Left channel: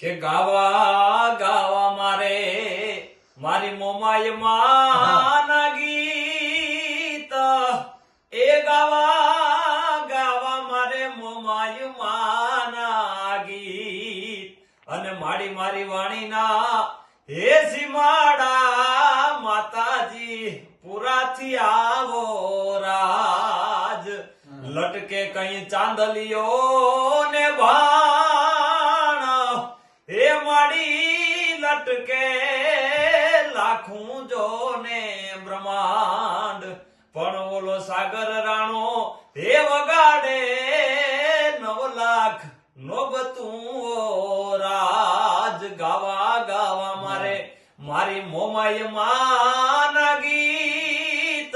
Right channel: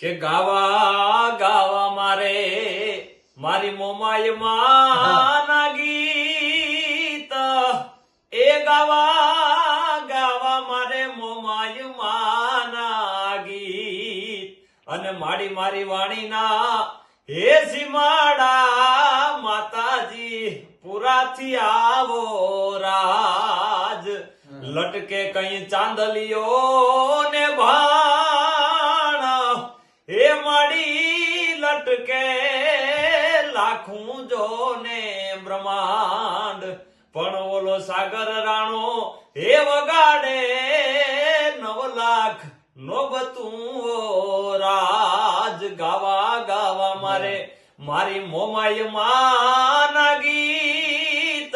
કે ગાવા ગાવા મારે મારી મોમાય માના ગીત એ ગાવા ગાવા મારે મોમાય માના ગીત અને મારી વાણીના હે સીમાડા માતાજી પુરાથી આવો રાજ લટકે કઈ ચાંદલિયો ને ભાણ હે માડી લટકે લાખું જો ને બ્રહ્માંડ પણ ઓલો સાગર રાણો હે વગાડે 9 લાખ નોબતું રાજ ગાવા ગાવા મારે મારી મોમાય માના ગીત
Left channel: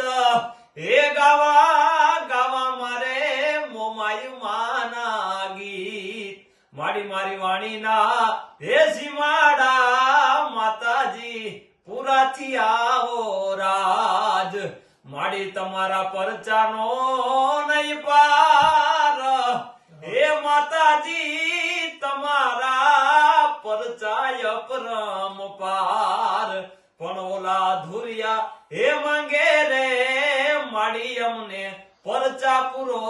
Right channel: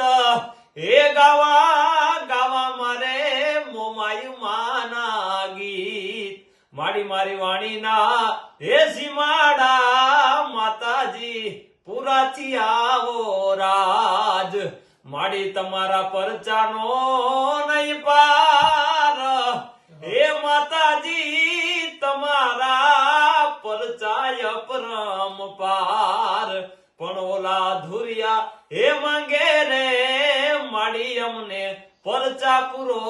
હે ગાવા ગાવા મારે મોમાય માના ગીત મારી વાણીના હે સીમાડા માતાજી પુરાથી આવો રાજ માડી તમારા પરચાનો નહીં પાર હે માતાજી તમારા પરચાય પરમ પાર પણ ઓલા ધુરિયા હે માંગે રે માડી અમને પરચા પૂરો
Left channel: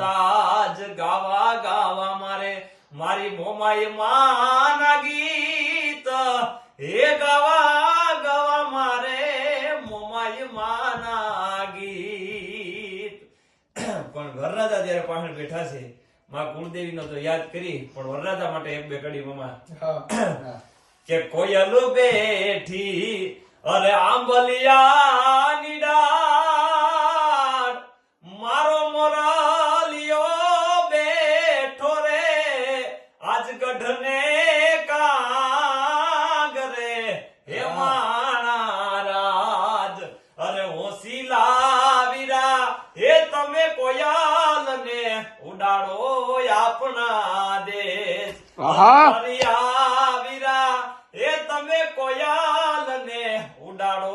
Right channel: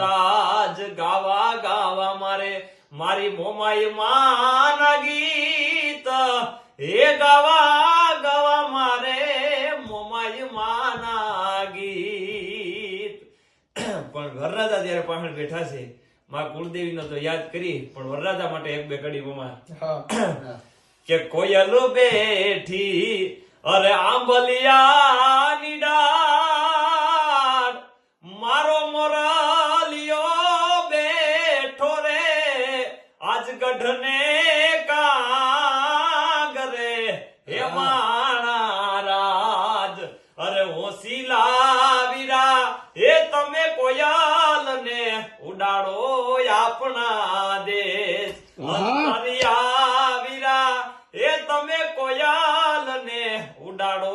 રાજ ગાવા ગાવા મારે મારી મોમાય માના ગીત હે ગાવા ગાવા મારે મોમાય માના ગીત પણ વરરાજા જયારે પાછળ બેઠા છે માં કુળદેવી નો તો યાદ કરી પણ વરરાજા માટે એક બે કડી મોમાં કે કોયલ બેઠી અરે આંબલિયા નીડાળ મારો મોરાલિયો બેઠો રે આજ ગઢને કાગરે હે માણા રાજ અરે હોસીલા વીરા હે તમે કોયલ ને ઉડાડો આપણા દેશ વીરા હે તમે કોયલ ને ઉડાડો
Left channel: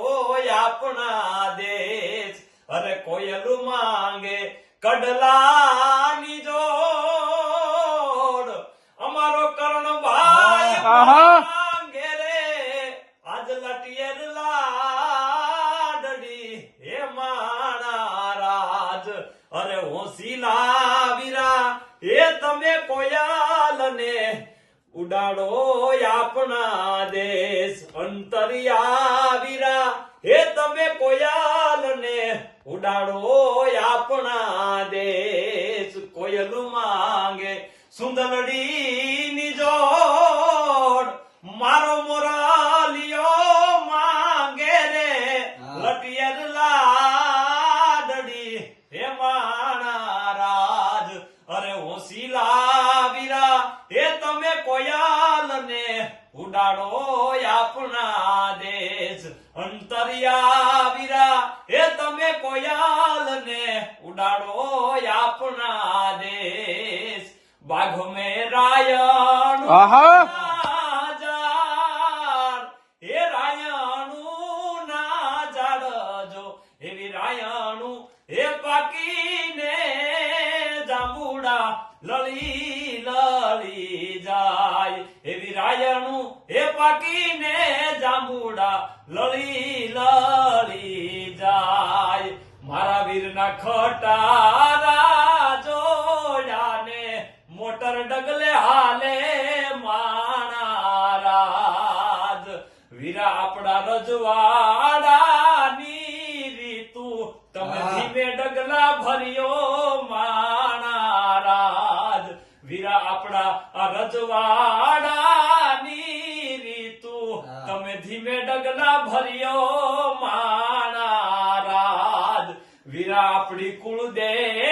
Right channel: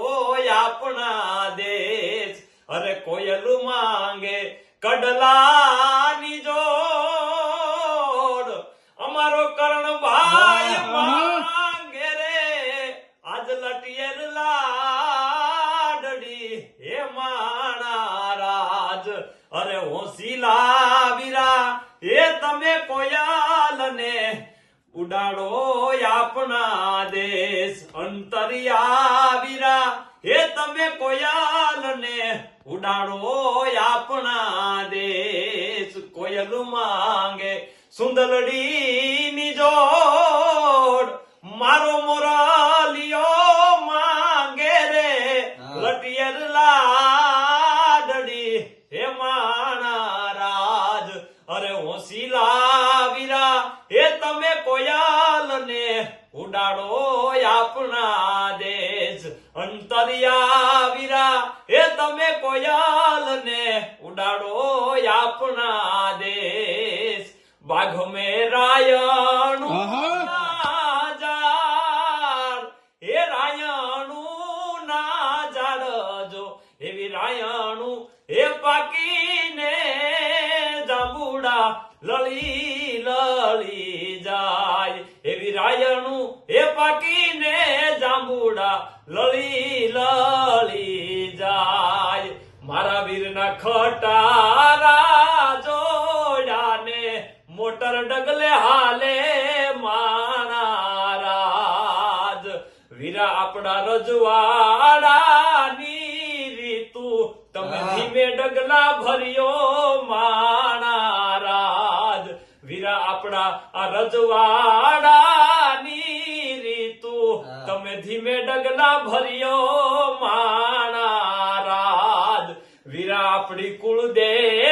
આપણા દેશ અરે કોયલ માંગે કડલાની જોડ અમારો કર્ણભાઈ માંગે રે આજ લટિયર લાડડી હે માણા રાજ અરે હોસીલા વીરા હે તમે કોયલ ને ઉડાડો આપણા દેશ અંતરિયા વીરા હે તમે કોયલ ને ઉડાડો આપણા દેશ કોયલ માંગે સુંદરડી ની જોડ મારો મોરાલિયો માંગે રે લટિયર લાડડી હે માણા રાજ અરે હોસીલા વીરા હે તમે કોયલ ને ઉડાડો આપણા દેશ અંતરિયા વીરા હે તમે કોયલ ને ઉડાડો આપણા દેશ બાઘ મે રાયણું હે રાયણું ના જાડજો એવી રાયણું હે પાકીને જાંબુડા લળી લળી જાય એવી રાયણું હે પાકીને જાંબુડા લળી લળી જાય મારા વીરના ખટારા જોડાને મોટર ડગલે હાલે માણા રાજ વીરા આપણા રજવાડાની રીતુ તમે ધીમે ડગલા ભર્યો માણા રાજ વીરા આપણા આ રજવાડાની રીતુ તમે ધીમે ડગલા ભર્યો માણા રાજ વીરા આપણી કુળદેવ